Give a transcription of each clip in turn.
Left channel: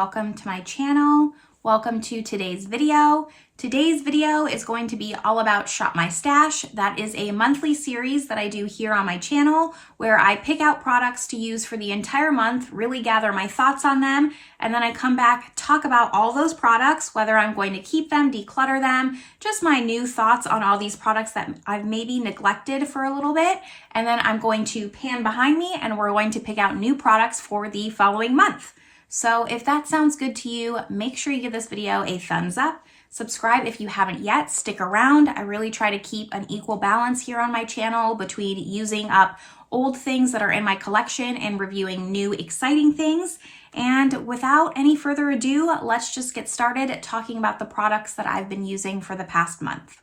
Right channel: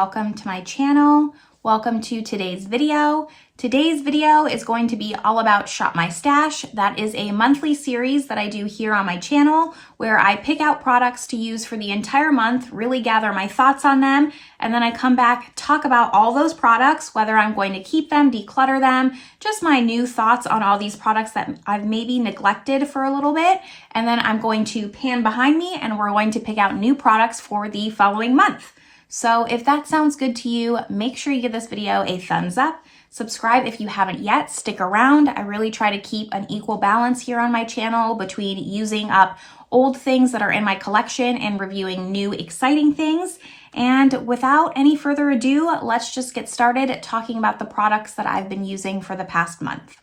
welcome to my channel. Welcome to today's video. Today's video is going to be all about Shop My Stash. That is a monthly series that I do here on my channel where I pick out products to use for the entire month, really gather my thoughts on them, and then I come back, talk about all those products, whether I'm going to keep them, declutter them, just my new thoughts on all these products that I've maybe neglected for a little bit, and then I'm going to pan behind me and we're going to pick out new products for the following month. So if that sounds good to you, make sure you give this video a thumbs up. Subscribe if you haven't yet, stick around. I really try to keep an equal balance here on my channel between using up old things that are in my collection and reviewing new exciting things. And without any further ado, let's just get started talking about the products that I've been using for the past month.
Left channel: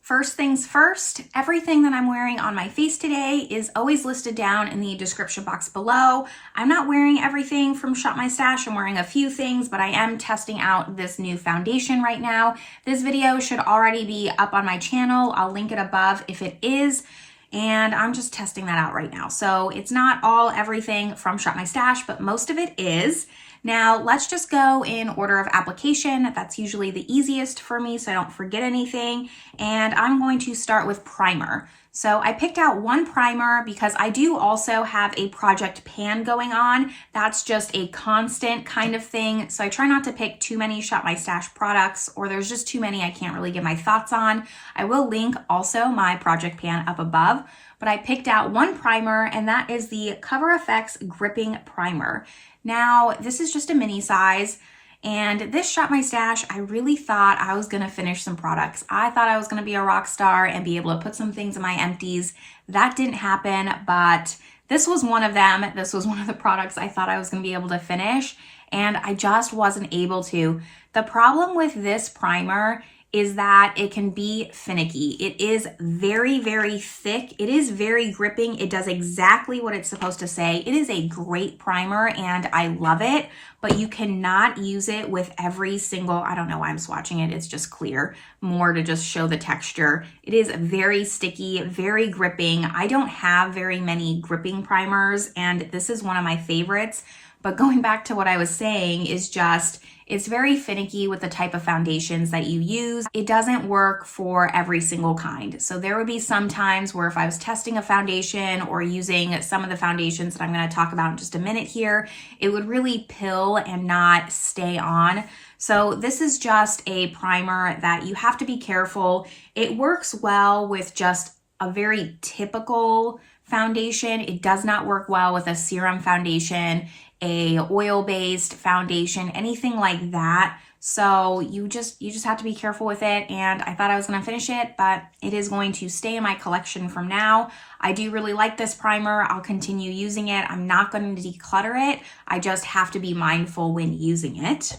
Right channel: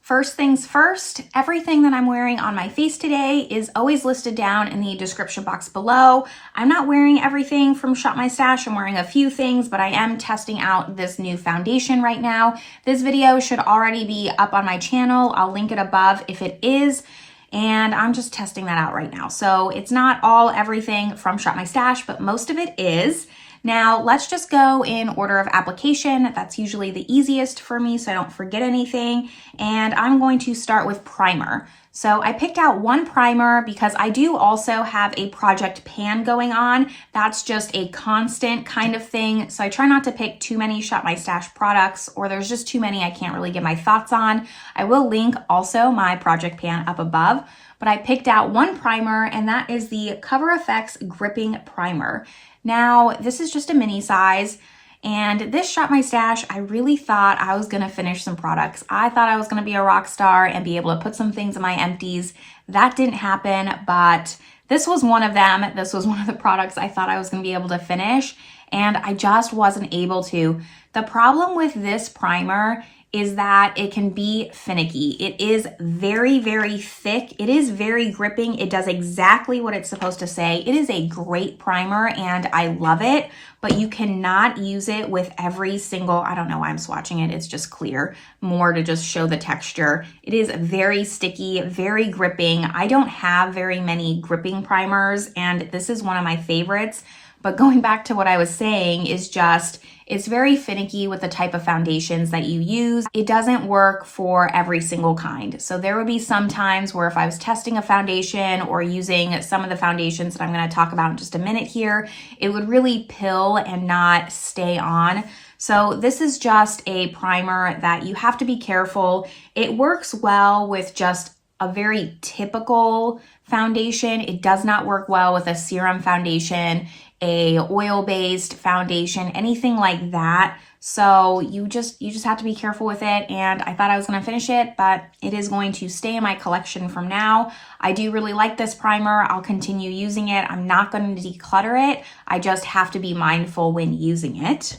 First things first, everything that I'm wearing on my face today is always listed down in the description box below. I'm not wearing everything from Shop My Stash. I'm wearing a few things, but I am testing out this new foundation right now. This video should already be up on my channel. I'll link it above if it is. And I'm just testing that out right now. So it's not all everything from Shop My Stash, but most of it is. Now, let's just go in order of application. That's usually the easiest for me so I don't forget anything. And I'm going to start with primer. So I picked out one primer because I do also have a project pan going on. That's just a constant kind of thing. So I try not to pick too many Shop My Stash products, or there's just too many I can't really give my thoughts on. I will link also my project pan up above, but I picked out one primer, and that is the Cover FX Gripping Primer. Now, this is just a mini size, and this Shop My Stash, I really thought I was going to finish some products. I thought I was going to be a rock star and be able to put some things in my empties. That didn't happen, but this was one of them. This was one of the products I thought I was going to be able to finish, and I just wasn't able to. The problem with this primer is that it can be finicky. It is very, very thick. It is very gripping. It does exactly what it's supposed to say. It is a great primer and I love it, but you cannot use it with every single, I don't know why I'm swatching it. It's just clear, more to just show the texture. It is very sticky, very gripping. I don't have very many gripping primers, and this is one of my favorites. But going back to what I was saying is just, it's very finicky with the type of foundations that you use. It doesn't work for every single kind. So there would be some times where if I was testing a foundation or using some of the foundations that I'm going to talk about in just a minute here, it would really pill and not stay on. So this is just a primer that you have to be careful. It works well with just a very typical foundation. It does not work well with a serum foundation, a oil-based foundation, anything like that. So you just have to be careful with it. And I thought I was going to finish it, but it is going to stay in my collection from now. I do really like this primer. I'll continue using it. I'm not going to declutter it. I just have to be mindful when using it.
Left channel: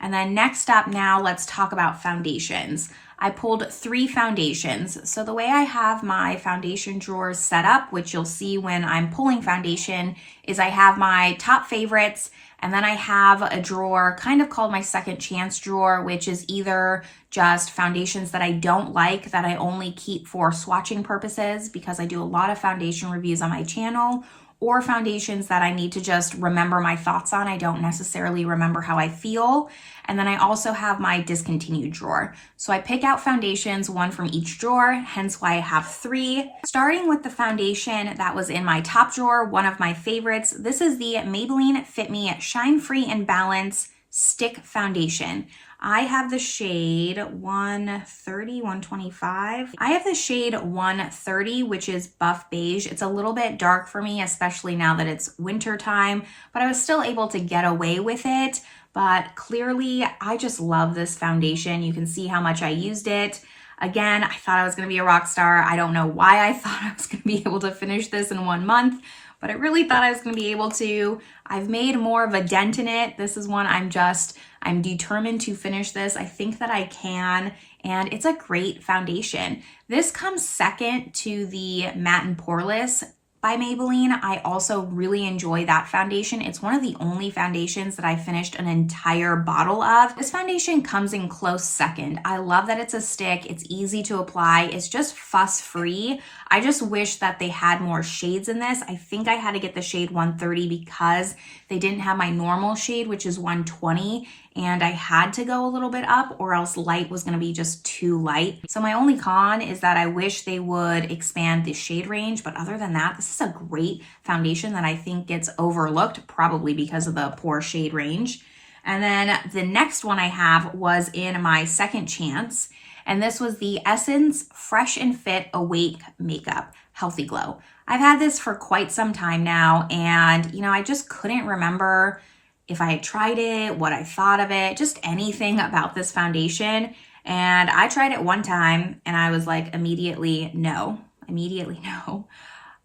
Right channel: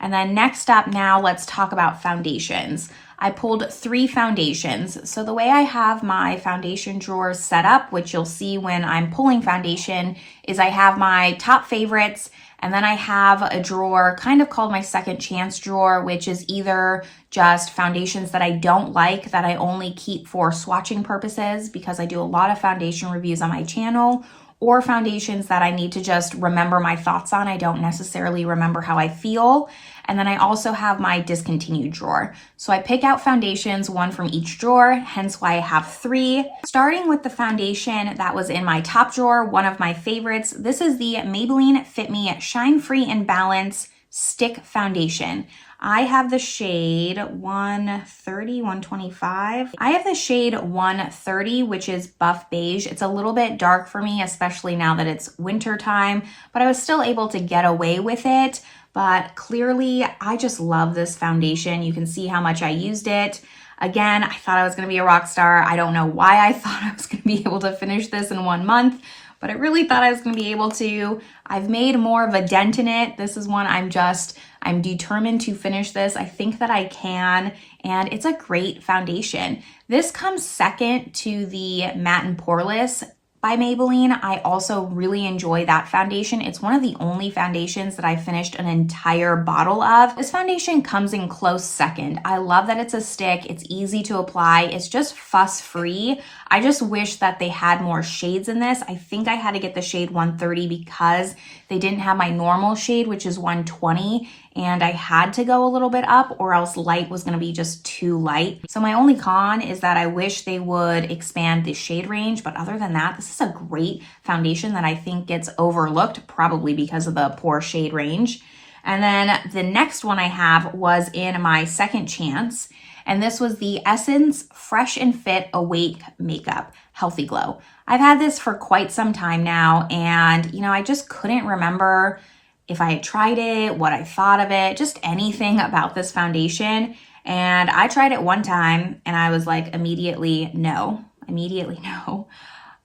And then next up now, let's talk about foundations. I pulled 3 foundations. So the way I have my foundation drawers set up, which you'll see when I'm pulling foundation, is I have my top favorites, and then I have a drawer kind of called my second chance drawer, which is either just foundations that I don't like, that I only keep for swatching purposes because I do a lot of foundation reviews on my channel, or foundations that I need to just remember my thoughts on. I don't necessarily remember how I feel. And then I also have my discontinued drawer. So I pick out foundations, one from each drawer, hence why I have 3. Starting with the foundation that was in my top drawer, one of my favorites. This is the Maybelline Fit Me Shine Free and Balance Stick Foundation. I have the shade 130, 125. I have the shade 130, which is buff beige. It's a little bit dark for me, especially now that it's winter time, but I was still able to get away with it. But clearly, I just love this foundation. You can see how much I used it. Again, I thought I was going to be a rock star. I don't know why I thought I was going to be able to finish this in 1 month, but I really thought I was going to be able to. I've made more of a dent in it. This is one I'm determined to finish this. I think that I can, and it's a great foundation. This comes second to the Matte and Poreless by Maybelline. I also really enjoy that foundation. It's one of the only foundations that I finished an entire bottle of. This foundation comes in close second. I love that it's a stick. It's easy to apply. It's just fuss free. I just wish that they had more shades in this. I think I had to get the shade 130 because they didn't have my normal shade, which is 120. And I had to go a little bit up or else light was gonna be just too light. So my only con is that I wish they would expand the shade range, but other than that, this is a great foundation that I think gets overlooked, probably because of the poor shade range. And then the next one I have was in my second chance, and this was the Essence Fresh and Fit Awake Makeup Healthy Glow. I've had this for quite some time now, and I just couldn't remember if I had tried it, what I thought of it, just anything about this foundation. And I tried it one time and I was like, immediately no.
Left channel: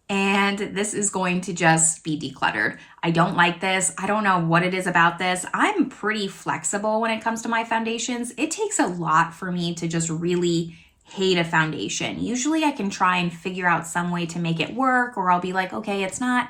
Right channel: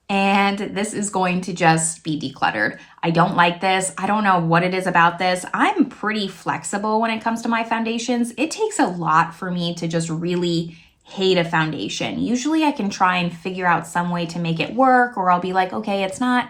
And this is going to just be decluttered. I don't like this. I don't know what it is about this. I'm pretty flexible when it comes to my foundations. It takes a lot for me to just really hate a foundation. Usually I can try and figure out some way to make it work, or I'll be like, okay, it's not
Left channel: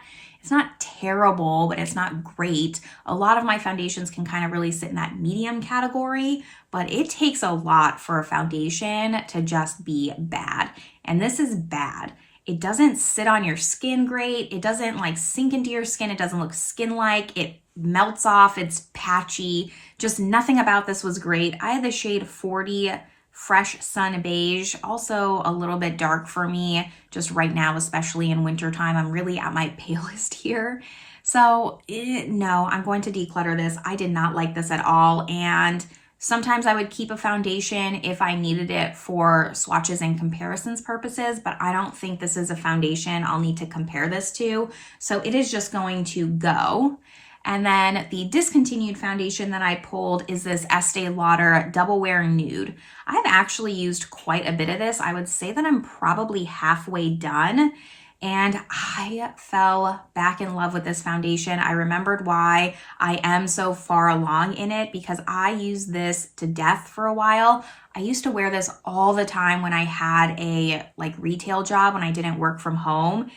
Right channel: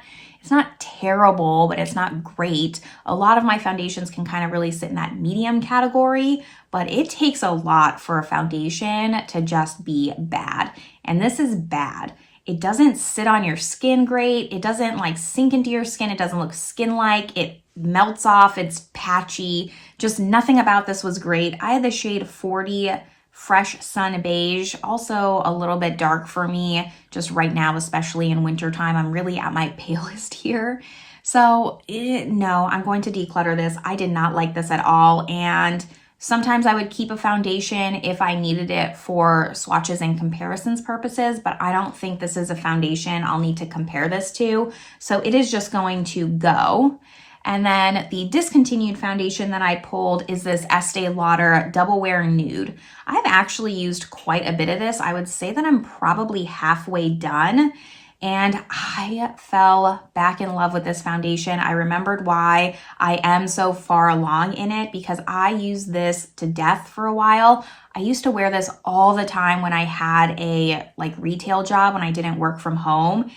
terrible, but it's not great. A lot of my foundations can kind of really sit in that medium category, but it takes a lot for a foundation to just be bad. And this is bad. It doesn't sit on your skin great. It doesn't like sink into your skin. It doesn't look skin-like. It melts off. It's patchy. Just nothing about this was great. I had the shade 40 Fresh Sun Beige, also a little bit dark for me just right now, especially in wintertime. I'm really at my palest here. So no, I'm going to declutter this. I did not like this at all. And sometimes I would keep a foundation if I needed it for swatches and comparisons purposes, but I don't think this is a foundation I'll need to compare this to. So it is just going to go. And then the discontinued foundation that I pulled is this Estee Lauder Double Wear Nude. I've actually used quite a bit of this. I would say that I'm probably halfway done, and I fell back in love with this foundation. I remembered why I am so far along in it, because I used this to death for a while. I used to wear this all the time when I had a retail job, when I didn't work from home.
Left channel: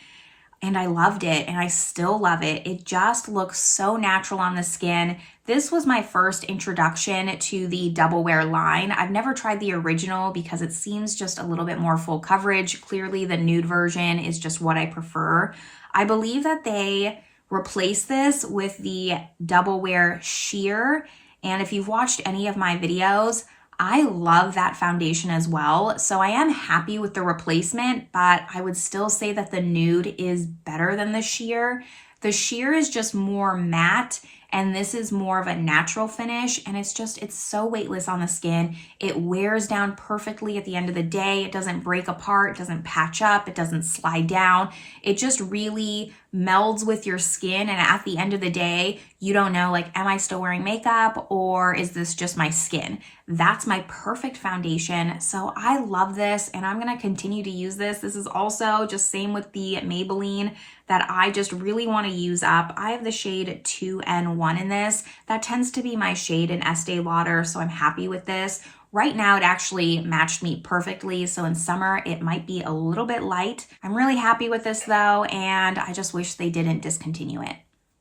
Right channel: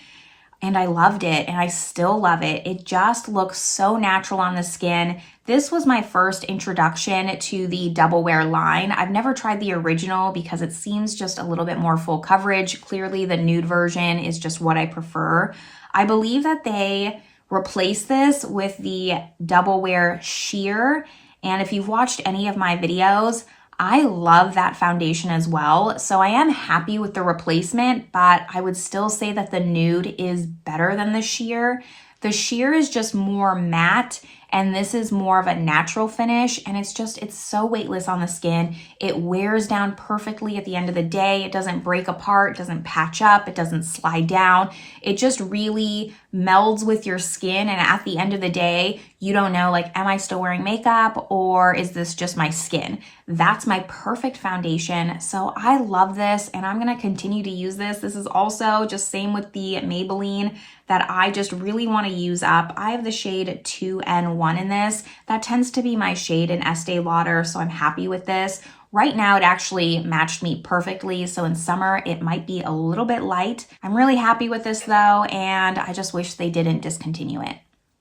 And I loved it, and I still love it. It just looks so natural on the skin. This was my first introduction to the Double Wear line. I've never tried the original because it seems just a little bit more full coverage. Clearly, the nude version is just what I prefer. I believe that they replaced this with the Double Wear Sheer, and if you've watched any of my videos, I love that foundation as well. So I am happy with the replacement, but I would still say that the nude is better than the sheer. The sheer is just more matte, and this is more of a natural finish, and it's so weightless on the skin. It wears down perfectly at the end of the day. It doesn't break apart, it doesn't patch up, it doesn't slide down. It just really melds with your skin, and at the end of the day, you don't know, am I still wearing makeup or is this just my skin? That's my perfect foundation. So I love this, and I'm gonna continue to use this. This is also just same with the Maybelline that I just really wanna use up. I have the shade 2N1 in this. That tends to be my shade in Estee Lauder, so I'm happy with this. Right now, it actually matched me perfectly, so in summer, it might be a little bit light. I'm really happy with this though, and I just wish they didn't discontinue it.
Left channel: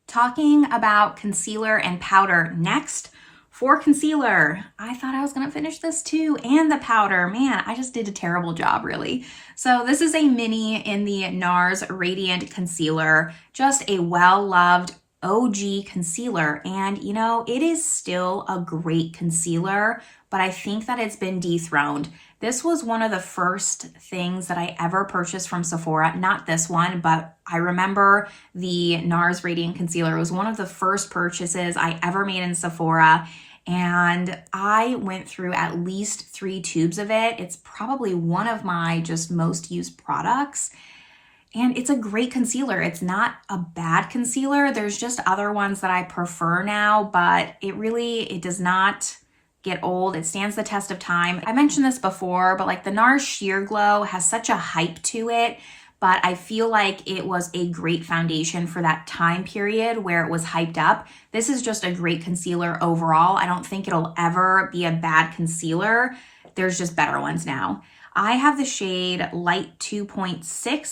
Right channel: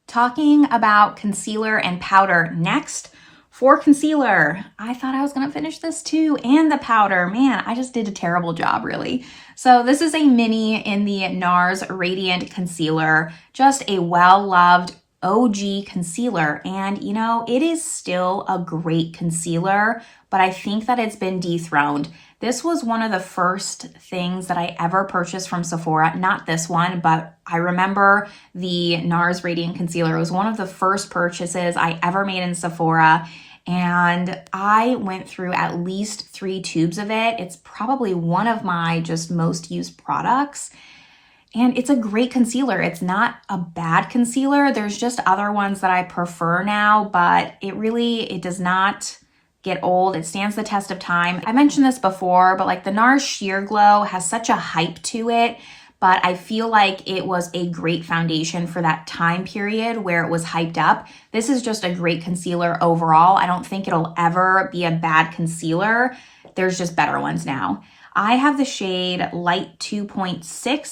Talking about concealer and powder next. For concealer, I thought I was gonna finish this too, and the powder. Man, I just did a terrible job, really. So this is a mini in the Nars Radiant Concealer, just a well-loved OG concealer, and it is still a great concealer, but I think that it's been dethroned. This was one of the first things that I ever purchased from Sephora. Not this one, but I remember the Nars Radiant Concealer. It was one of the first purchases I ever made in Sephora, and I went through at least 3 tubes of it. It's probably one of my just most used products. And it's a great concealer. It's not a bad concealer. There's just other ones that I prefer now, but it does not get old. It stands the test of time. I mentioned this before, but the Nars Sheer Glow has such a hype to it, but I feel like it was a great foundation for that time period where it was hyped up. This is just a great concealer overall. I don't think it'll ever be a bad concealer. There's just better ones now. I have the shade Light 2.6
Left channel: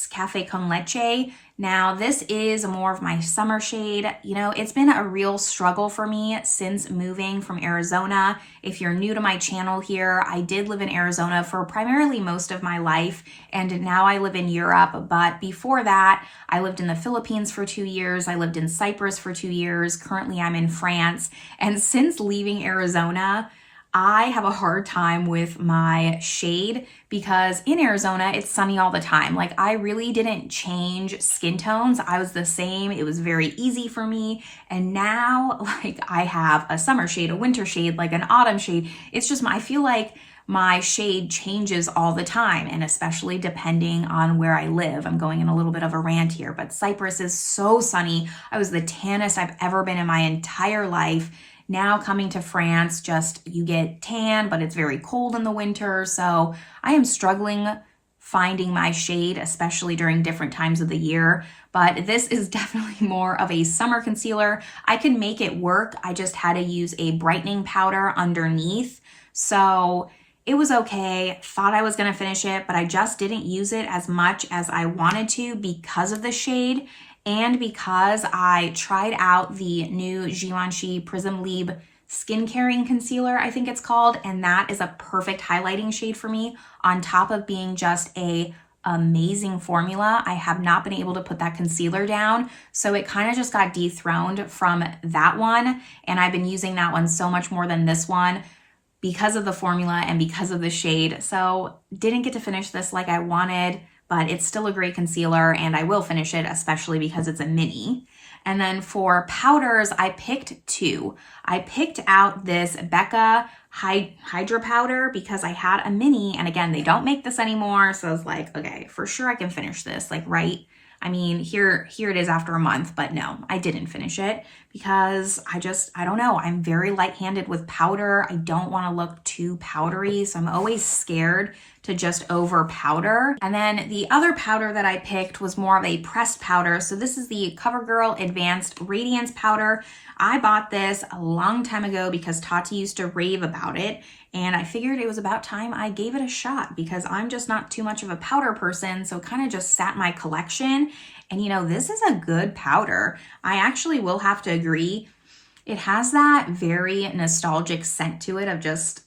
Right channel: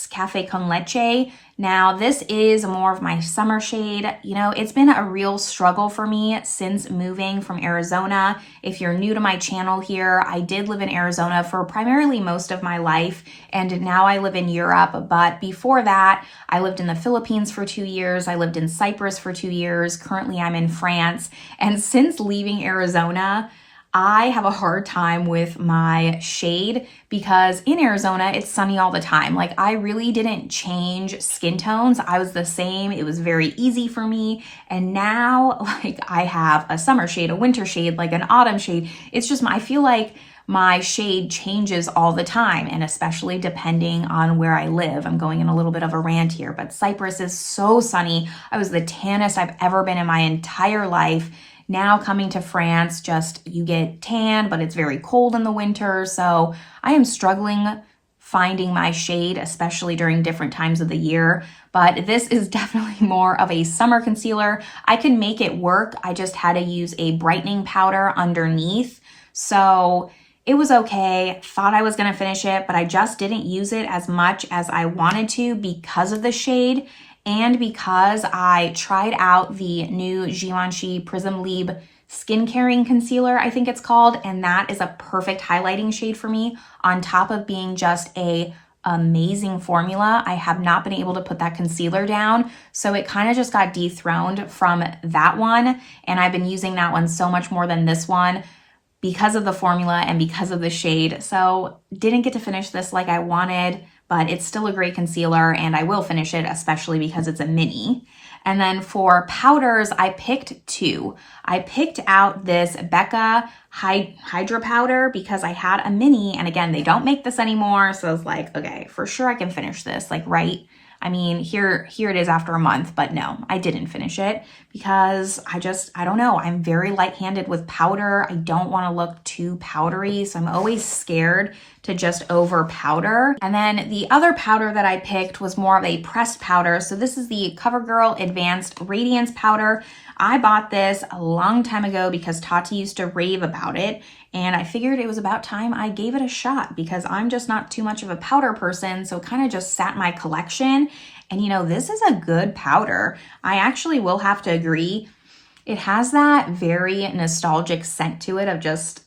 Café con Leche. Now, this is more of my summer shade. You know, it's been a real struggle for me since moving from Arizona. If you're new to my channel here, I did live in Arizona for primarily most of my life, and now I live in Europe. But before that, I lived in the Philippines for 2 years. I lived in Cyprus for 2 years. Currently, I'm in France. And since leaving Arizona, I have a hard time with my shade because in Arizona, it's sunny all the time. Like, I really didn't change skin tones. I was the same. It was very easy for me. And now, like, I have a summer shade, a winter shade, like an autumn shade. It's just, I feel like my shade changes all the time, and especially depending on where I live. I'm going in a little bit of a rant here, but Cyprus is so sunny. I was the tannest I've ever been in my entire life. Now coming to France, just you get tan, but it's very cold in the winter. So I am struggling finding my shade, especially during different times of the year. But this is definitely more of a summer concealer. I can make it work. I just had to use a brightening powder underneath. So it was okay. Thought I was going to finish it, but I just didn't use it as much as I wanted to because of the shade. And because I tried out the new Givenchy Prism Libre Skin Caring Concealer, I think it's called, and that is a perfect highlighting shade for me on top of being just a amazing formula. I have not been able to put that concealer down, so it kind of just got dethroned from that one, and I've been using that one so much more than this one because of the formula and because of the shade. So didn't get to finish this like I wanted, but it's still a great concealer and I will finish it, especially because it's a mini. And then for powders, I picked two. I picked out this Becca Hydra powder because I had a mini, and again, they don't make this anymore. So I was like, okay, for sure I can finish this, like, right? I mean, here it is after a month, but no, I didn't finish it because I don't know. I'm very light-handed with powder. I don't want to look too powdery, so I'm always scared to just over powder. And then the other powder that I picked was more of a pressed powder. So this is the CoverGirl Advanced Radiance Powder. I bought this a long time ago because Tati used to rave about it, and I figured it was about time I gave it a shot because I'm just not too much of a powder person, so it kind of just sat in my collection. And you know, this is a good powder. I actually will have to agree. It has that very nostalgic scent to it of just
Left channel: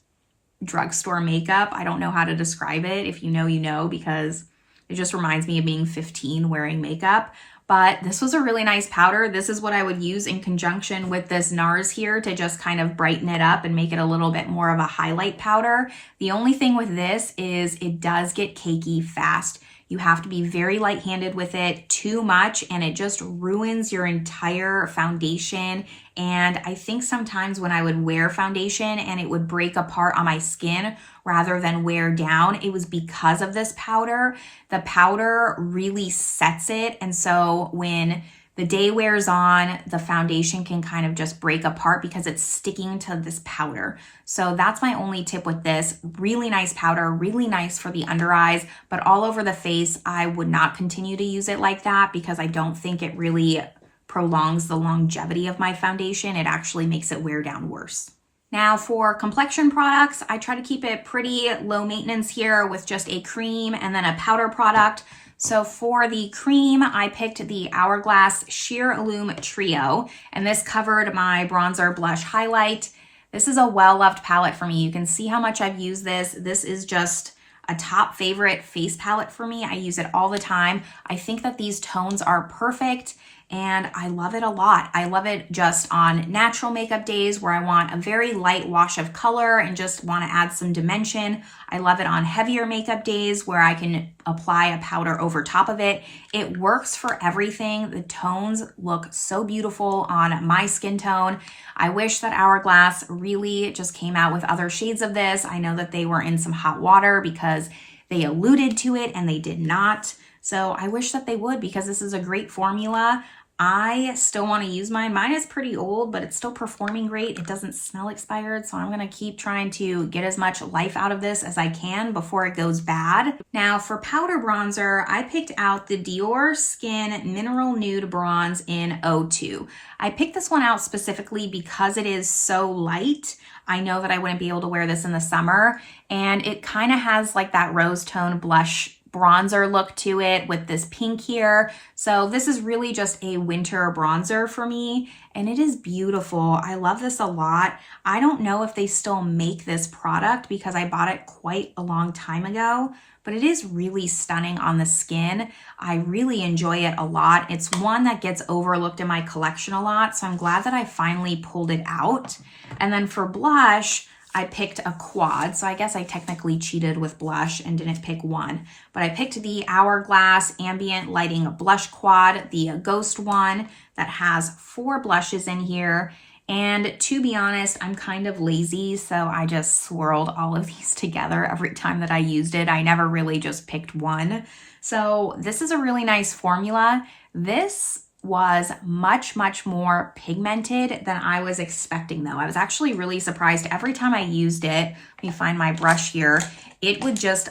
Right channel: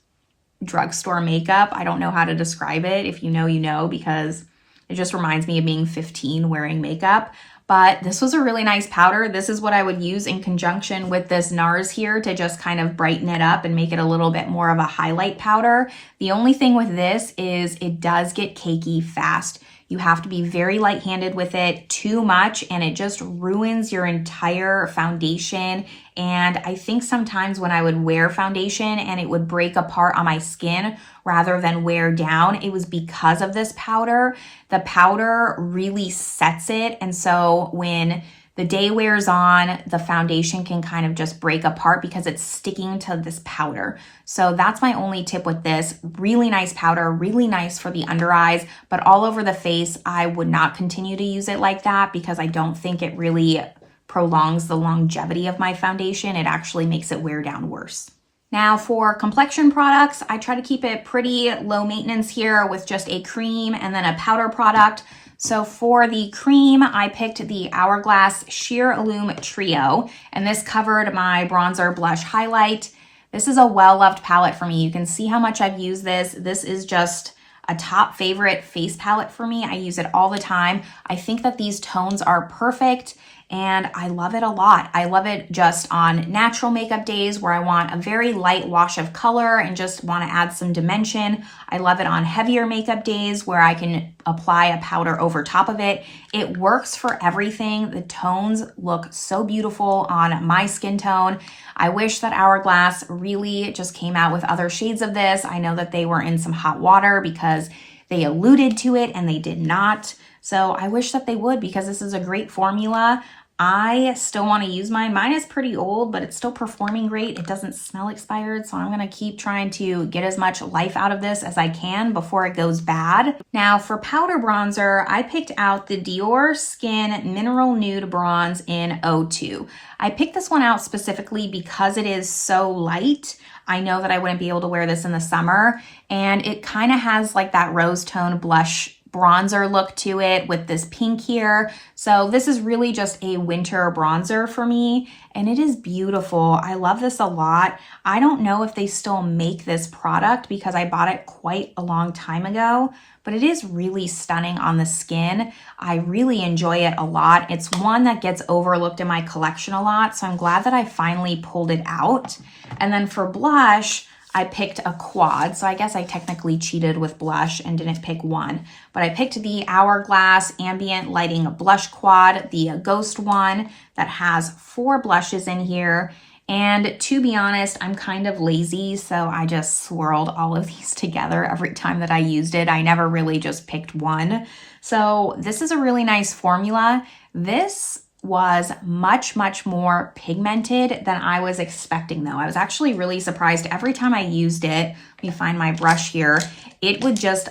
drugstore makeup. I don't know how to describe it. If you know, you know, because it just reminds me of being 15 wearing makeup. But this was a really nice powder. This is what I would use in conjunction with this Nars here to just kind of brighten it up and make it a little bit more of a highlight powder. The only thing with this is it does get cakey fast. You have to be very light-handed with it. Too much and it just ruins your entire foundation. And I think sometimes when I would wear foundation and it would break apart on my skin rather than wear down, it was because of this powder. The powder really sets it. And so when the day wears on, the foundation can kind of just break apart because it's sticking to this powder. So that's my only tip with this. Really nice powder, really nice for the under eyes, but all over the face, I would not continue to use it like that because I don't think it really prolongs the longevity of my foundation. It actually makes it wear down worse. Now for complexion products, I try to keep it pretty low maintenance here with just a cream and then a powder product. So for the cream, I picked the Hourglass Sheer Illume Trio, and this covered my bronzer, blush, highlight. This is a well-loved palette for me. You can see how much I've used this. This is just a top favorite face palette for me. I use it all the time. I think that these tones are perfect and I love it a lot. I love it just on natural makeup days where I want a very light wash of color and just want to add some dimension. I love it on heavier makeup days where I can apply a powder over top of it. It works for everything. The tones look so beautiful on my skin tone. I wish that Hourglass really just came out with other shades of this. I know that they were in some hot water because they alluded to it and they did not. So I wish that they would because this is a great formula. I still want to use mine. Mine is pretty old, but it's still performing great. It doesn't smell expired, so I'm going to keep trying to get as much life out of this as I can before it goes bad. Now for powder bronzer, I picked out the Dior Skin Mineral Nude Bronze in 02. I picked this one out specifically because it is so light. I know that I wouldn't be able to wear this in the summer, and it kind of has like that rose tone blush bronzer look to it with this pink here. So this is really just a winter bronzer for me, and it is beautiful. I love this a lot. I don't know if they still make this product because I bought it quite a long time ago, but it is really stunning on the skin. I really enjoy it a lot. It's one that gets overlooked in my collection a lot, so I'm glad that I finally pulled it out. And then for blush, I picked a quad, so I guess I technically cheated with blush and didn't pick one. But I picked the Hourglass Ambient Lighting Blush Quad, the Ghost one that has 4 blushes in here. And to be honest, I'm kind of lazy, so I just swirled all of these together every time that I used it. I never really just picked one. So this is a really nice formula. This was much more pigmented than I was expecting though. I was actually really surprised. Every time I used it, let me find my brush here, it would just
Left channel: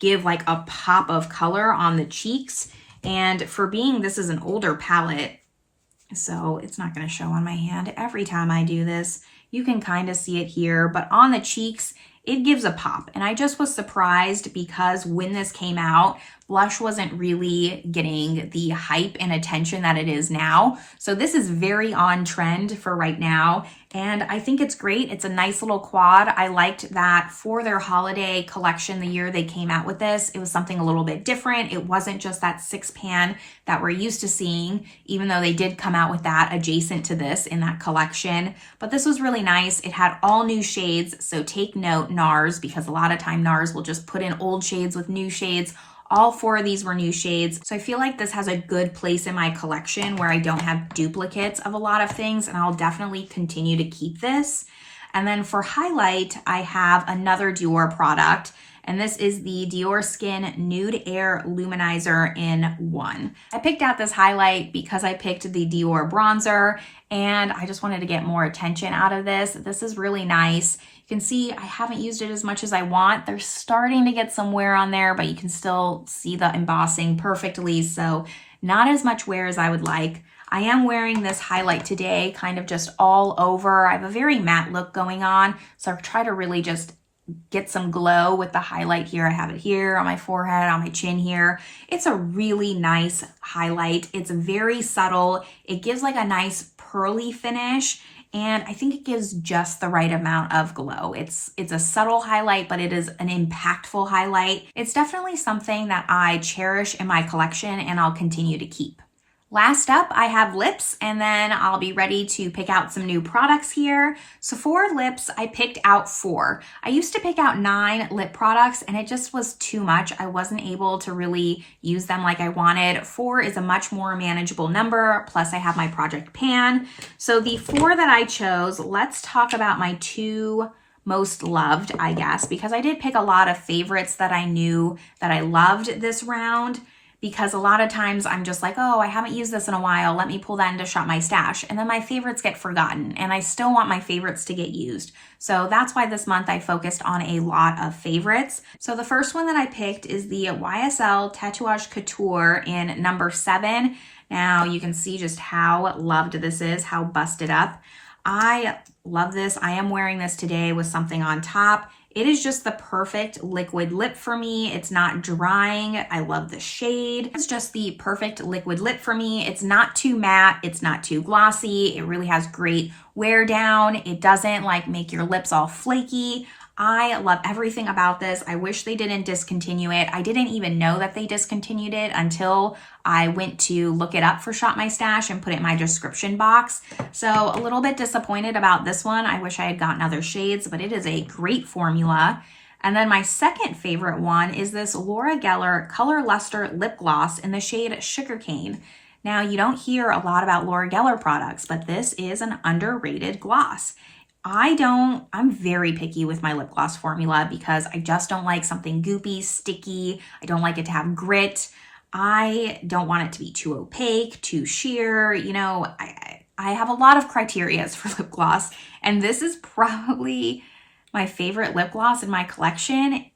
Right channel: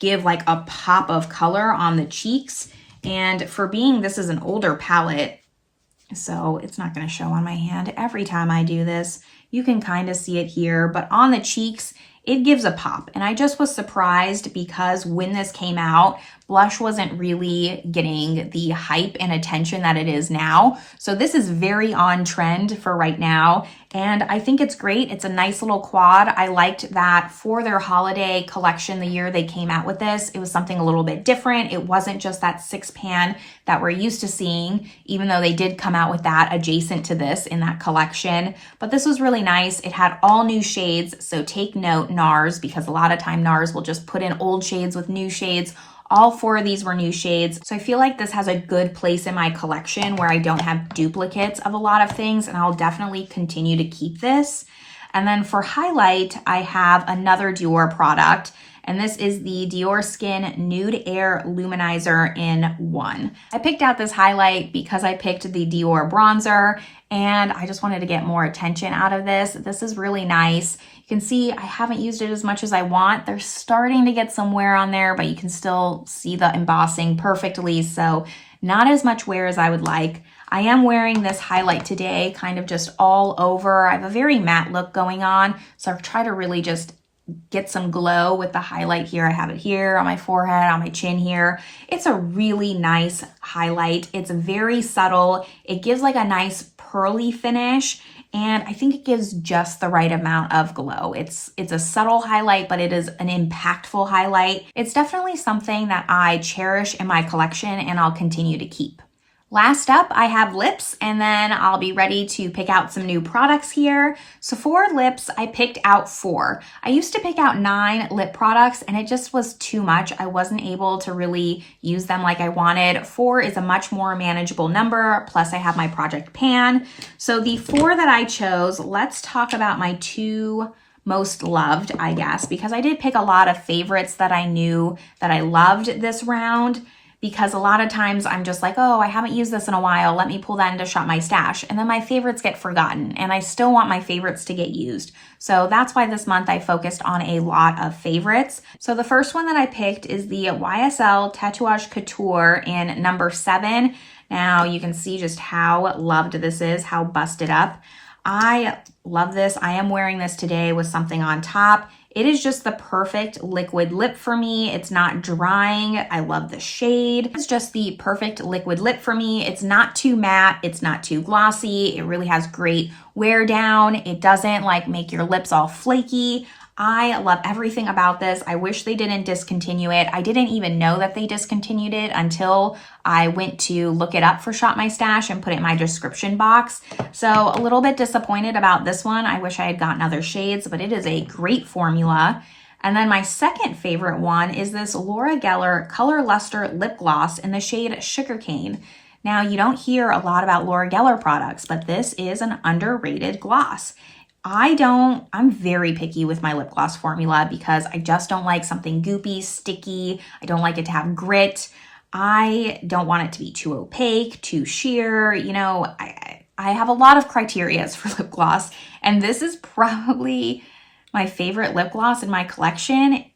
give like a pop of color on the cheeks. And for being, this is an older palette, so it's not going to show on my hand every time I do this. You can kind of see it here, but on the cheeks, it gives a pop. And I just was surprised because when this came out, blush wasn't really getting the hype and attention that it is now. So this is very on trend for right now. And I think it's great. It's a nice little quad. I liked that for their holiday collection, the year they came out with this, it was something a little bit different. It wasn't just that 6-pan that we're used to seeing, even though they did come out with that adjacent to this in that collection. But this was really nice. It had all new shades. So take note, Nars, because a lot of time Nars will just put in old shades with new shades. All 4 of these were new shades. So I feel like this has a good place in my collection where I don't have duplicates of a lot of things, and I'll definitely continue to keep this. And then for highlight, I have another Dior product, and this is the Dior Skin Nude Air Luminizer in 1. I picked out this highlight because I picked the Dior bronzer, and I just wanted to get more attention out of this. This is really nice. You can see I haven't used it as much as I want. They're starting to get some wear on there, but you can still see the embossing perfectly, so not as much wear as I would like. I am wearing this highlight today, kind of just all over. I have a very matte look going on, so I try to really just get some glow with the highlight here. I have it here on my forehead, on my chin here. It's a really nice highlight. It's very subtle. It gives like a nice pearly finish, and I think it gives just the right amount of glow. It's a subtle highlight, but it is an impactful highlight. It's definitely something that I cherish in my collection and I'll continue to keep. Last up, I have lips, and then I'll be ready to pick out some new products here. So for lips, I picked out 4. I used to pick out 9 lip products, and it just was too much. I wasn't able to really use them like I wanted. 4 is a much more manageable number, plus I have my project pan. So the 4 that I chose, let's talk about my 2 most loved, I guess, because I did pick a lot of favorites that I knew that I loved this round. Because a lot of times I'm just like, oh, I haven't used this in a while. Let me pull that into Shop My Stash. And then my favorites get forgotten, and I still want my favorites to get used. So that's why this month I focused on a lot of favorites. So the first one that I picked is the YSL Tatouage Couture in number 7. Now you can see just how loved this is, how busted up. I love this. I am wearing this today with something on top. It is just the perfect liquid lip for me. It's not drying. I love the shade. It's just the perfect liquid lip for me. It's not too matte. It's not too glossy. It really has great wear down. It doesn't like make your lips all flaky. I love everything about this. I wish they didn't discontinue it. I didn't even know that they discontinued it until I went to look it up for Shop My Stash and put it in my description box. So a little bit disappointed about this one. I wish I had gotten other shades, but it is a great formula. And then my second favorite one is this Laura Geller Color Luster Lip Gloss in the shade Sugarcane. Now, you don't hear a lot about Laura Geller products, but this is an underrated gloss. I'm very picky with my lip gloss formula because I just don't like something goopy, sticky. I don't like it to have grit. I don't want it to be too opaque, too sheer. You know, I have a lot of criteria for lip gloss, and this is probably my favorite lip gloss in my collection.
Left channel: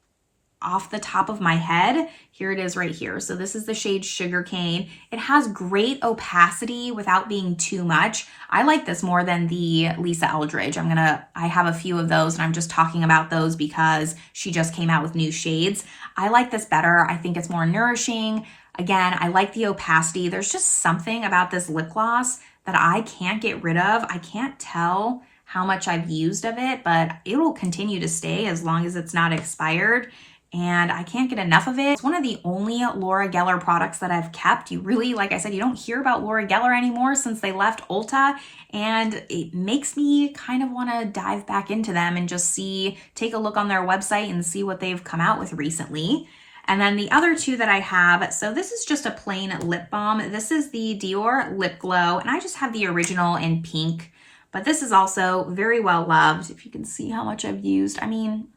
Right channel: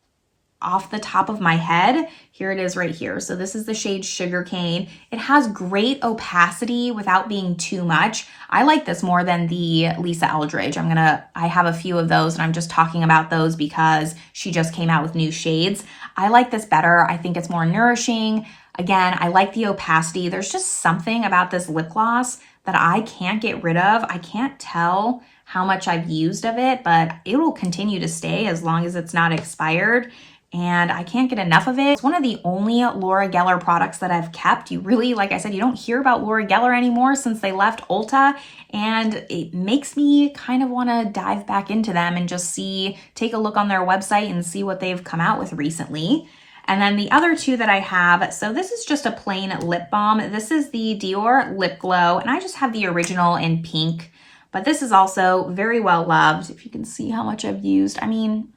off the top of my head. Here it is right here. So this is the shade Sugarcane. It has great opacity without being too much. I like this more than the Lisa Eldridge. I have a few of those and I'm just talking about those because she just came out with new shades. I like this better. I think it's more nourishing. Again, I like the opacity. There's just something about this lip gloss that I can't get rid of. I can't tell how much I've used of it, but it will continue to stay as long as it's not expired. And I can't get enough of it. It's one of the only Laura Geller products that I've kept. You really, like I said, you don't hear about Laura Geller anymore since they left Ulta, and it makes me kind of want to dive back into them and just take a look on their website and see what they've come out with recently. And then the other two that I have, so this is just a plain lip balm. This is the Dior Lip Glow, and I just have the original in pink, but this is also very well loved. If you can see how much I've used, I mean,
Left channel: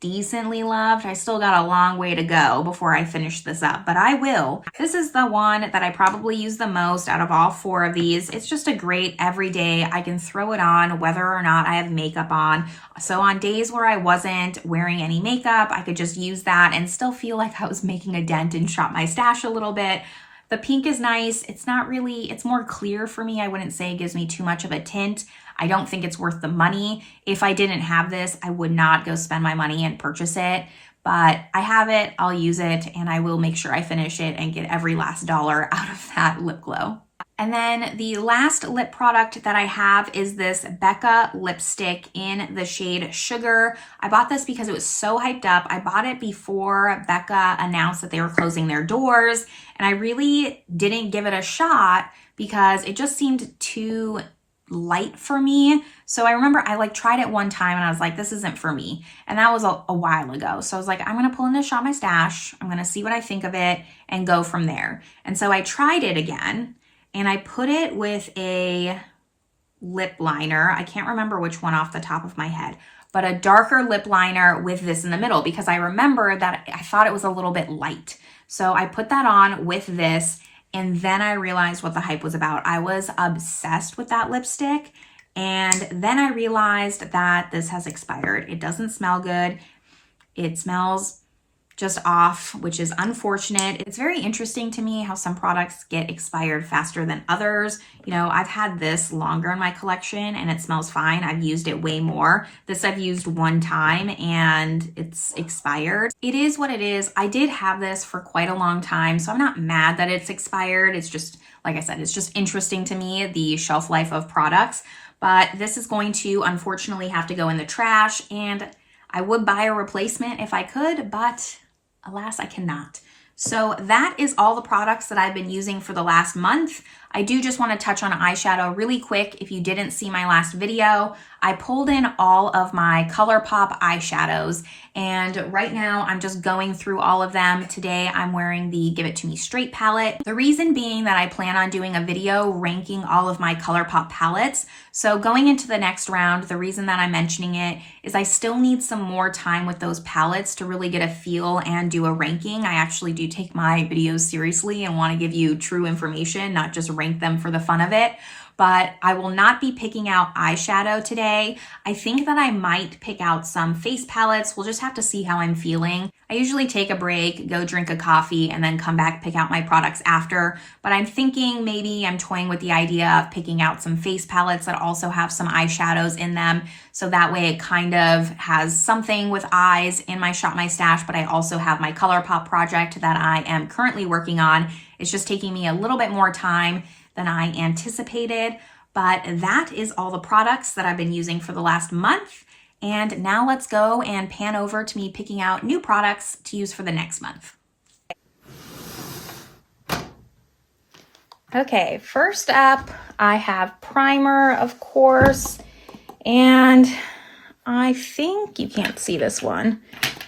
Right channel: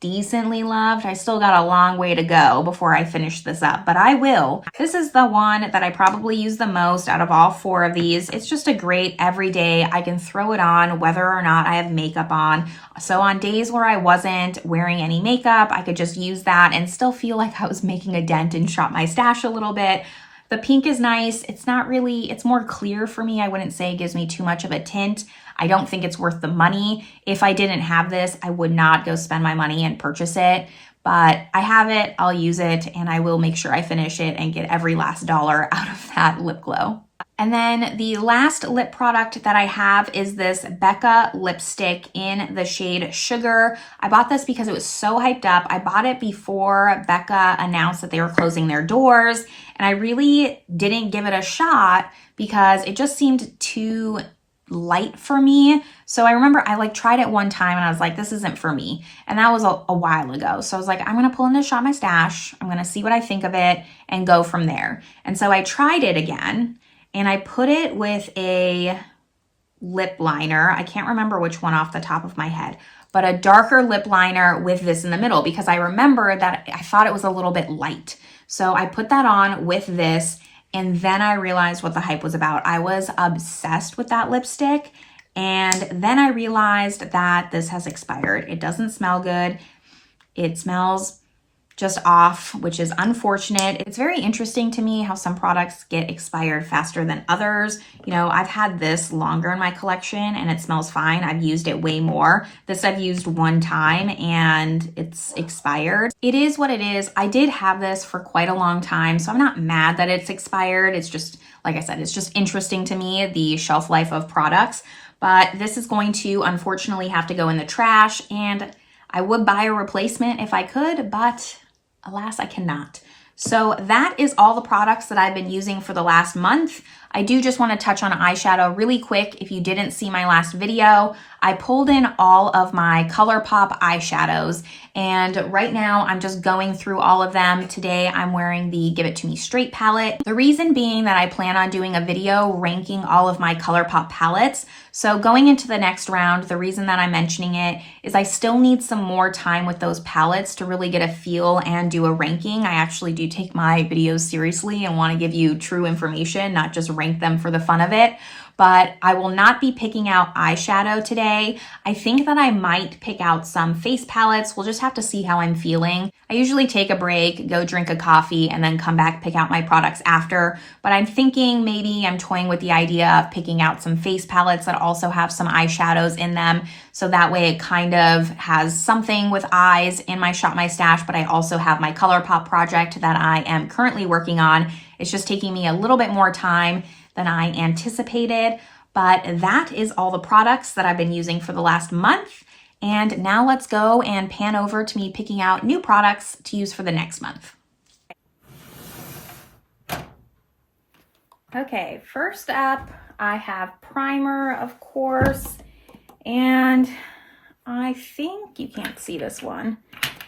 decently loved. I still got a long way to go before I finish this up, but I will. This is the one that I probably use the most out of all four of these. It's just a great everyday. I can throw it on whether or not I have makeup on. So on days where I wasn't wearing any makeup, I could just use that and still feel like I was making a dent and shop my stash a little bit. The pink is nice. It's not really, it's more clear for me. I wouldn't say it gives me too much of a tint. I don't think it's worth the money. If I didn't have this, I would not go spend my money and purchase it. But I have it, I'll use it, and I will make sure I finish it and get every last dollar out of that lip glow. And then the last lip product that I have is this Becca lipstick in the shade Sugar. I bought this because it was so hyped up. I bought it before Becca announced that they were closing their doors, and I really didn't give it a shot because it just seemed too light for me. So I remember I tried it one time and I was like, this isn't for me. And that was a while ago. So I was like, I'm going to pull in this Shop My Stash. I'm going to see what I think of it and go from there. And so I tried it again and I put it with a lip liner. I can't remember which one off the top of my head, but a darker lip liner with this in the middle because I remember that I thought it was a little bit light. So I put that on with this. And then I realized what the hype was about. I was obsessed with that lipstick. And then I realized that this has expired. It doesn't smell good. It smells just off, which is unfortunate. It's very interesting to me how some products get expired faster than others. You know, I've had this longer in my collection and it smells fine. I've used it way more. This I've used one time and it's expired. It is what it is. I did have this for quite a long time, so I'm not mad that it's expired. It's just, like I said, it's just interesting to me, the shelf life of products. But this is going to unfortunately have to go in the trash, and I would buy a replacement if I could, but alas, I cannot. So that is all the products that I've been using for the last month. I do just want to touch on eyeshadow really quick. If you didn't see my last video, I pulled in all of my Colourpop eyeshadows, and right now I'm just going through all of them. Today I'm wearing the Give It To Me Straight palette. The reason being that I plan on doing a video ranking all of my Colourpop palettes. So going into the next round, the reason that I'm mentioning it is I still need some more time with those palettes to really get a feel and do a ranking. I actually do take my videos seriously and want to give you true information, not just rank them for the fun of it. But I will not be picking out eyeshadow today. I think that I might pick out some face palettes. We'll just have to see how I'm feeling. I usually take a break, go drink a coffee, and then come back, pick out my products after. But I'm thinking maybe I'm toying with the idea of picking out some face palettes that also have some eyeshadows in them. So that way it kind of has something with eyes in my Shop My Stash, but I also have my Colourpop project that I am currently working on. It's just taking me a little bit more time than I anticipated, but that is all the products that I've been using for the last month. And now let's go and pan over to me picking out new products to use for the next month. Okay, first up, I have primer, of course, and I think you can't see this one,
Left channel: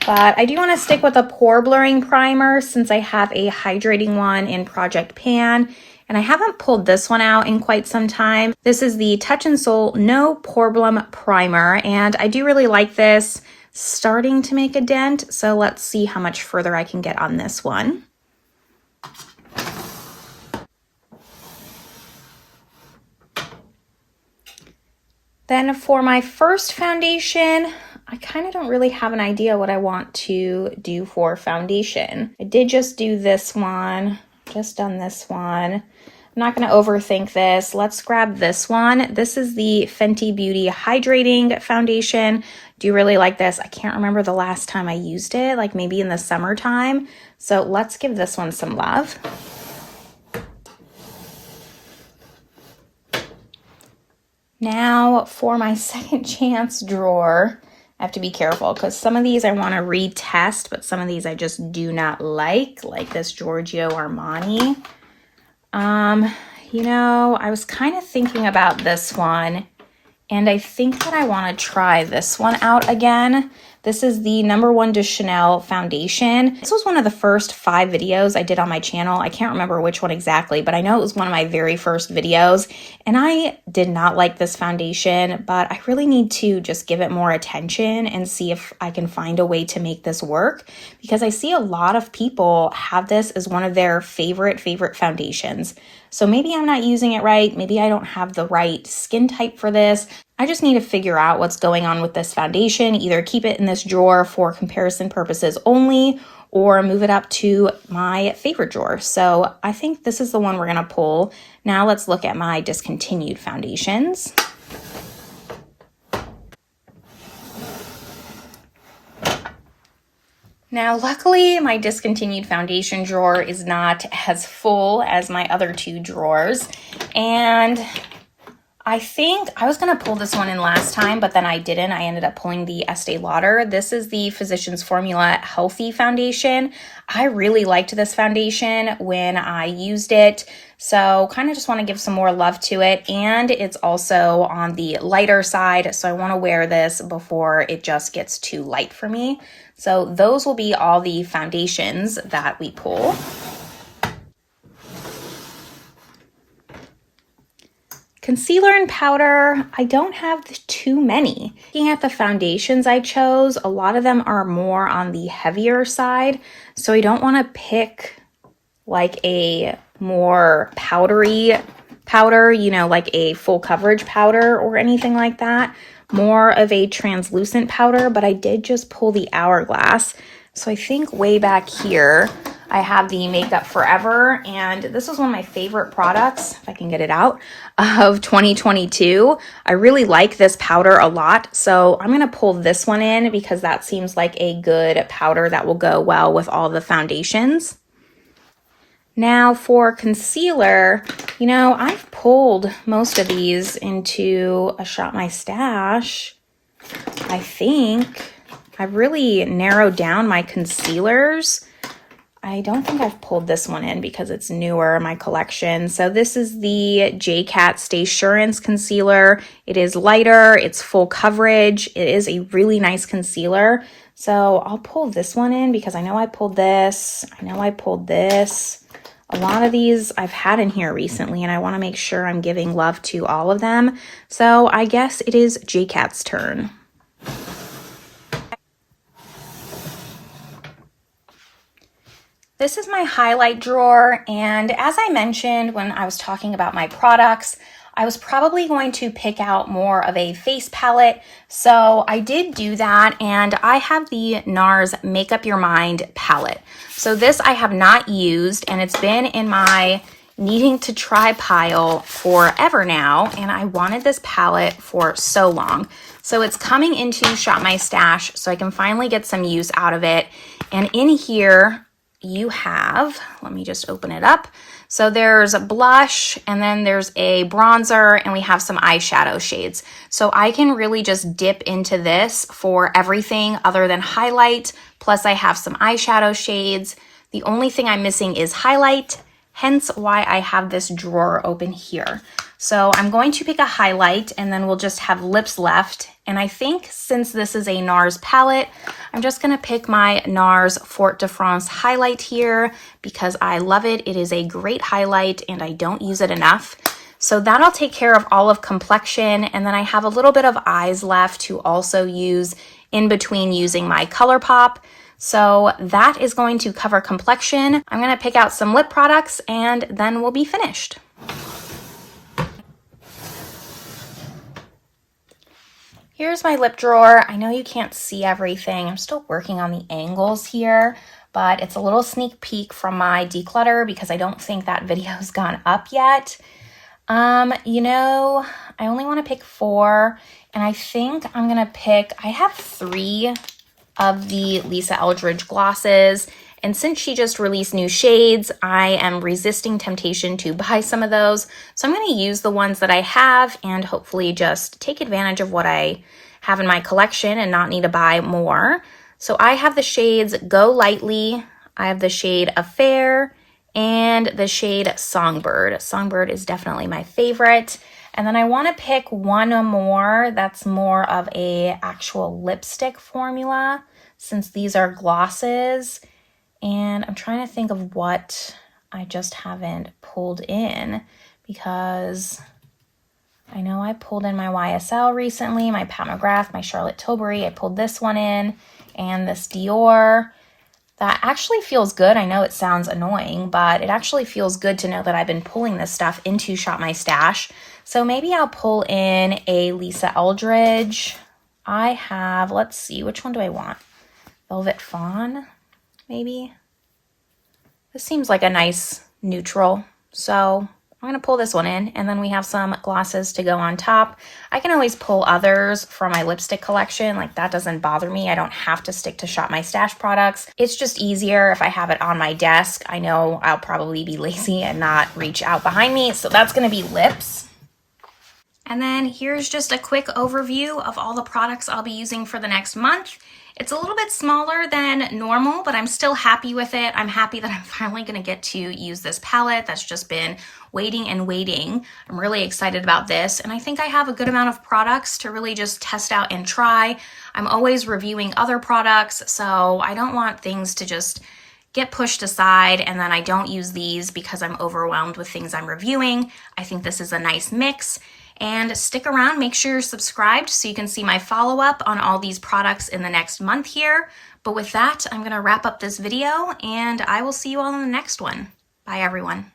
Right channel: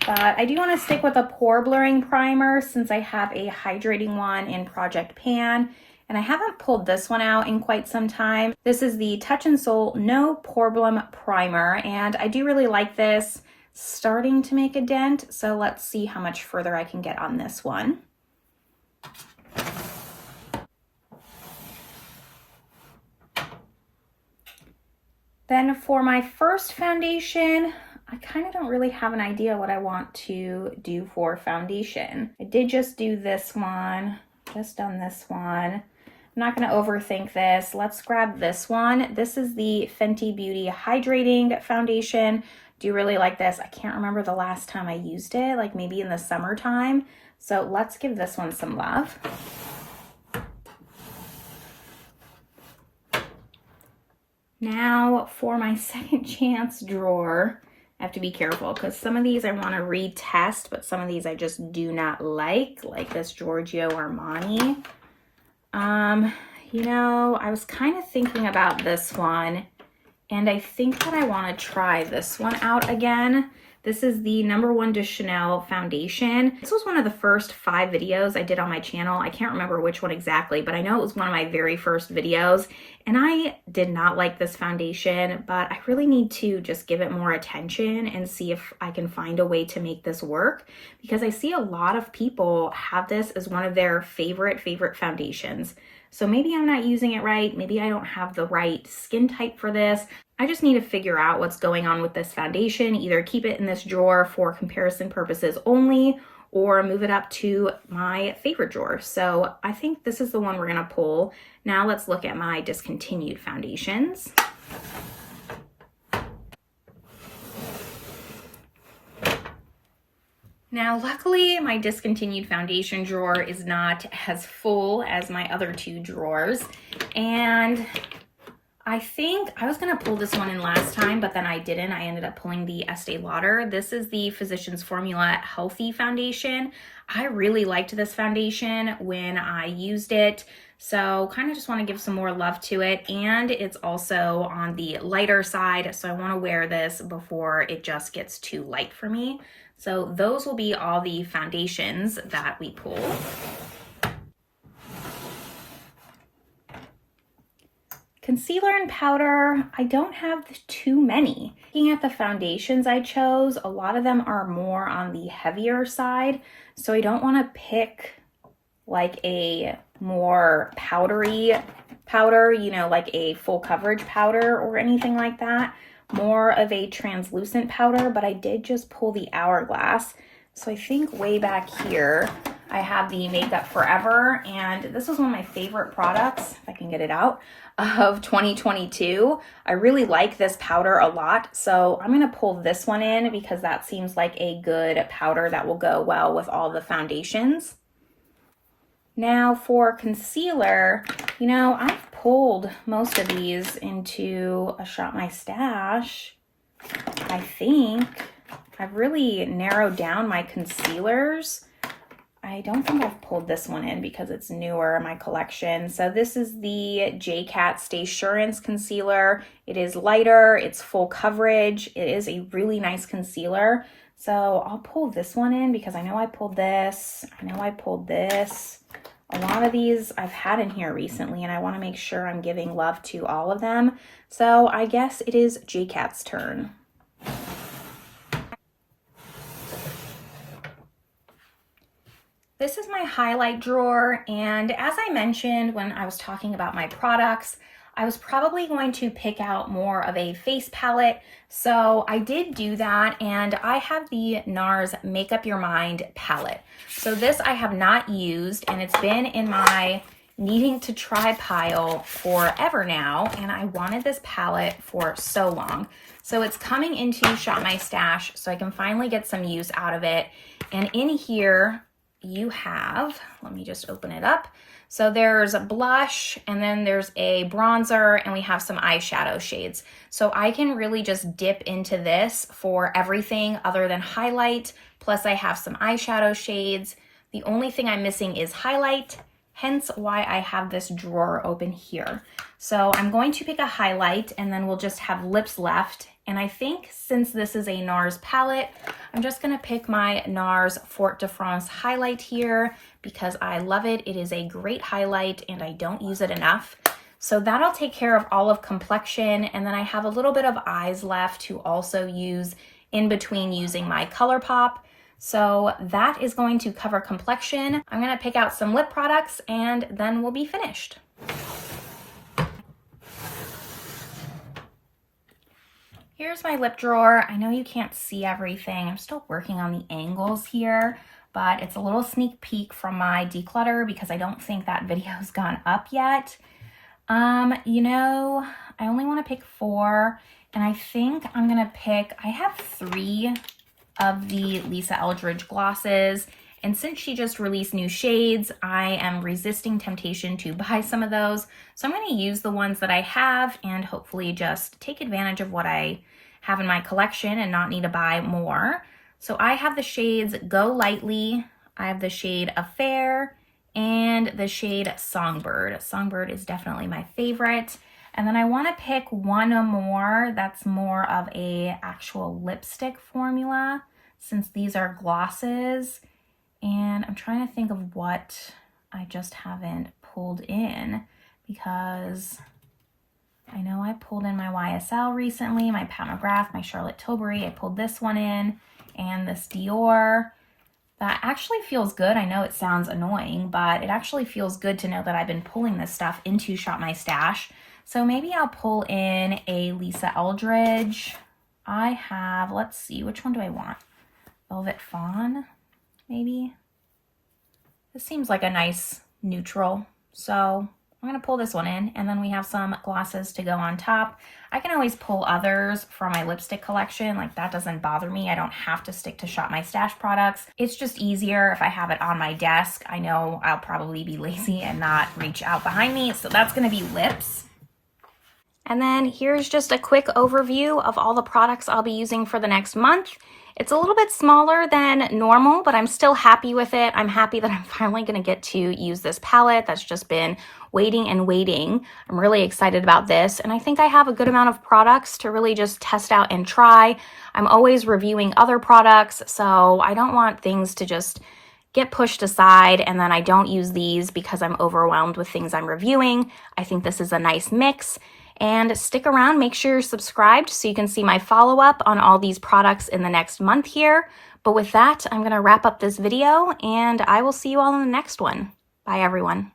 but I do want to stick with a pore blurring primer since I have a hydrating one in Project Pan. And I haven't pulled this one out in quite some time. This is the Touch in Sol No Problem Primer, and I do really like this. Starting to make a dent, so let's see how much further I can get on this one. Then for my first foundation, I kind of don't really have an idea what I want to do for foundation. I did just do this one, just done this one. I'm not going to overthink this. Let's grab this one. This is the Fenty Beauty Hydrating Foundation. Do you really like this? I can't remember the last time I used it, like maybe in the summertime. So let's give this one some love. Now for my second chance drawer, I have to be careful because some of these I want to retest, but some of these I just do not like this Giorgio Armani. You know, I was kind of thinking about this one, and I think that I want to try this one out again. This is the No. 1 de Chanel foundation. This was one of the first 5 videos I did on my channel. I can't remember which one exactly, but I know it was one of my very first videos. And I did not like this foundation, but I really need to just give it more attention and see if I can find a way to make this work, because I see a lot of people have this as one of their favorite foundations. So maybe I'm not using it right. Maybe I don't have the right skin type for this. I just need to figure out what's going on with this foundation, either keep it in this drawer for comparison purposes only, or move it up to my favorite drawer. So I think this is the one we're gonna pull. Now let's look at my discontinued foundations. Now, luckily, my discontinued foundation drawer is not as full as my other 2 drawers, and I think I was going to pull this one in last time, but then I didn't. I ended up pulling the Estee Lauder. This is the Physicians Formula Healthy Foundation. I really liked this foundation when I used it, so kind of just want to give some more love to it. And it's also on the lighter side, so I want to wear this before it just gets too light for me. So those will be all the foundations that we pull. Concealer and powder, I don't have too many. Looking at the foundations I chose, a lot of them are more on the heavier side, so I don't want to pick like a more powdery powder, you know, like a full coverage powder or anything like that. More of a translucent powder, but I did just pull the Hourglass. So I think way back here, I have the Makeup Forever, and this was one of my favorite products, if I can get it out, of 2022. I really like this powder a lot, so I'm going to pull this one in because that seems like a good powder that will go well with all the foundations. Now for concealer, you know, I've pulled most of these into a Shop My Stash. I think I've really narrowed down my concealers. I don't think I've pulled this one in because it's newer in my collection. So this is the J-Cat Stay Assurance Concealer. It is lighter, it's full coverage. It is a really nice concealer. So I'll pull this one in because I know I pulled this. I know I pulled this. A lot of these I've had in here recently, and I want to make sure I'm giving love to all of them. So I guess it is J-Cat's turn. This is my highlight drawer, and as I mentioned when I was talking about my products, I was probably going to pick out more of a face palette, so I did do that, and I have the Nars Make Up Your Mind palette. So this I have not used, and it's been in my needing to try pile forever now, and I wanted this palette for so long. So it's coming into Shop My Stash, so I can finally get some use out of it, and in here, you have, let me just open it up. So there's a blush, and then there's a bronzer, and we have some eyeshadow shades. So I can really just dip into this for everything other than highlight. Plus I have some eyeshadow shades. The only thing I'm missing is highlight, hence why I have this drawer open here. So I'm going to pick a highlight, and then we'll just have lips left. And I think since this is a Nars palette, I'm just gonna pick my Nars Fort de France highlight here because I love it. It is a great highlight and I don't use it enough. So that'll take care of all of complexion. And then I have a little bit of eyes left to also use in between using my Colourpop. So that is going to cover complexion. I'm gonna pick out some lip products and then we'll be finished. Here's my lip drawer. I know you can't see everything. I'm still working on the angles here, but it's a little sneak peek from my declutter because I don't think that video's gone up yet. You know, I only want to pick 4, and I think I'm gonna pick, I have 3 of the Lisa Eldridge glosses, and since she just released new shades, I am resisting temptation to buy some of those. So I'm gonna use the ones that I have and hopefully just take advantage of what I have in my collection and not need to buy more. So I have the shades Go Lightly, I have the shade Affair, and the shade Songbird. Songbird is definitely my favorite. And then I want to pick one more that's more of a actual lipstick formula, since these are glosses. And I'm trying to think of what I just haven't pulled in, because I know I pulled in my YSL recently, my Pat McGrath, my Charlotte Tilbury. I pulled this one in, and this Dior. That actually feels good. I know it sounds annoying, but it actually feels good to know that I've been pulling this stuff into Shop My Stash. So maybe I'll pull in a Lisa Eldridge. I have, let's see, which one do I want? Velvet Fawn, maybe? This seems like a nice neutral. So I'm gonna pull this one in, and then we have some glosses to go on top. I can always pull others from my lipstick collection, like that doesn't bother me. I don't have to stick to Shop My Stash products. It's just easier if I have it on my desk. I know I'll probably be lazy and not reach out behind me, so that's gonna be lips. And then here's just a quick overview of all the products I'll be using for the next month. It's a little bit smaller than normal, but I'm still happy with it. I'm happy that I'm finally gonna get to use this palette that's just been waiting and waiting. I'm really excited about this, and I think I have a good amount of products to really just test out and try. I'm always reviewing other products, so I don't want things to just get pushed aside and then I don't use these because I'm overwhelmed with things I'm reviewing. I think this is a nice mix. And stick around, make sure you're subscribed so you can see my follow-up on all these products in the next month here. But with that, I'm gonna wrap up this video and I will see you all in the next one. Bye everyone.